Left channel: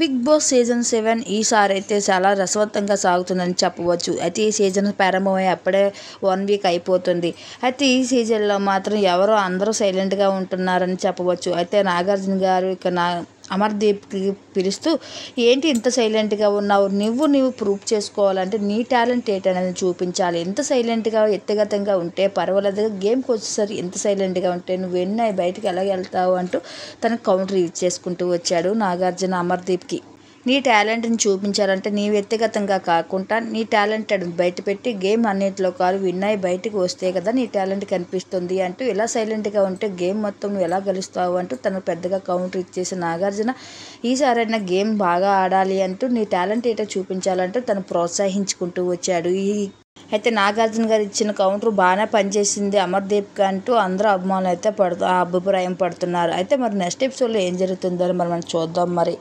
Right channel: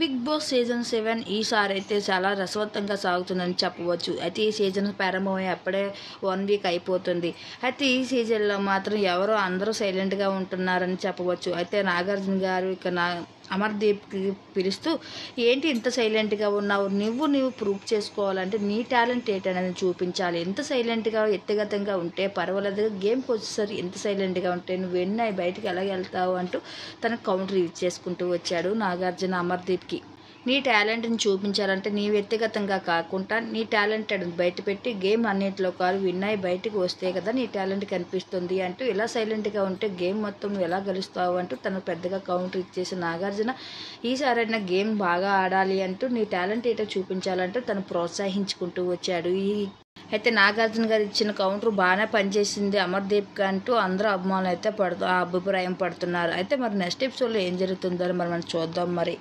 Big boss season 7 ఈసారి అయితే చాలా రసవత్తంగా సాగుతుందని చెప్పవచ్చు. అయితే ఈ సీజన్ ప్రారంభమై అప్పుడే 1 వీక్ అయిపోతుంది. అయితే ఈ సీజన్లో మాత్రం అందరూ సైలెంట్గా ఉంటున్నారని చెప్పవచ్చు. అయితే నాగార్జున గారు అమర్దీప్కి పిలుస్తూ, ఏంటి ఇంత సైలెంట్గా ఉన్నావు, నువ్వు ప్రూవ్ చేసుకోవాలంటే నీ టాలెంట్ ఏంటనేది చూపించాలి. ఎంత సైలెంట్గా వ్యక్తిగతంగా ఉంటే పర్వాలేదు, గేమ్కి వచ్చేసరికి ఎంత సైలెంట్గా ఉంటే నువ్వు బయటకు ఎలా వెళ్తావు అంటూ తనకు కౌంటర్ ఇచ్చేసుకుంటూ వచ్చాడు నాగార్జున అమర్దీప్కి. నీ టాలెంట్ని చూపించాలంటే నీ వ్యక్తిగతంగా కాకుండా నీ టాలెంట్ బయటపెట్టి గేమ్ అన్నింటిలో విన్ అయ్యి బయటకు వస్తే కదా నీ టాలెంట్ కనిపిస్తుంది అంటూ, ఇలా సైలెంట్గా ఉంటే గేమ్ మొత్తం నువ్వు ఎలా గెలుస్తావు అంటూ తను పెద్దగా కౌంటర్ ఇచ్చేసి నాగార్జున ఈసారైనా గేమ్ బాగా ఆడాలి అంటూ నీ టాలెంట్ ఏంటో చూపించాలంటూ తను ప్రోత్సహించుకుంటూ వచ్చాడు. అయితే నాగార్జున గారు ఇచ్చిన కౌంటర్ బాగానే పనిచేసింది అమర్దీప్కి అంటూ అందరూ అభిమానులు అయితే అభిప్రాయం పడుతున్నారు. అయితే మరి నెక్స్ట్ ఎపిసోడ్లో ఏం జరుగుతుందో మరి మనం చూద్దాం మరి.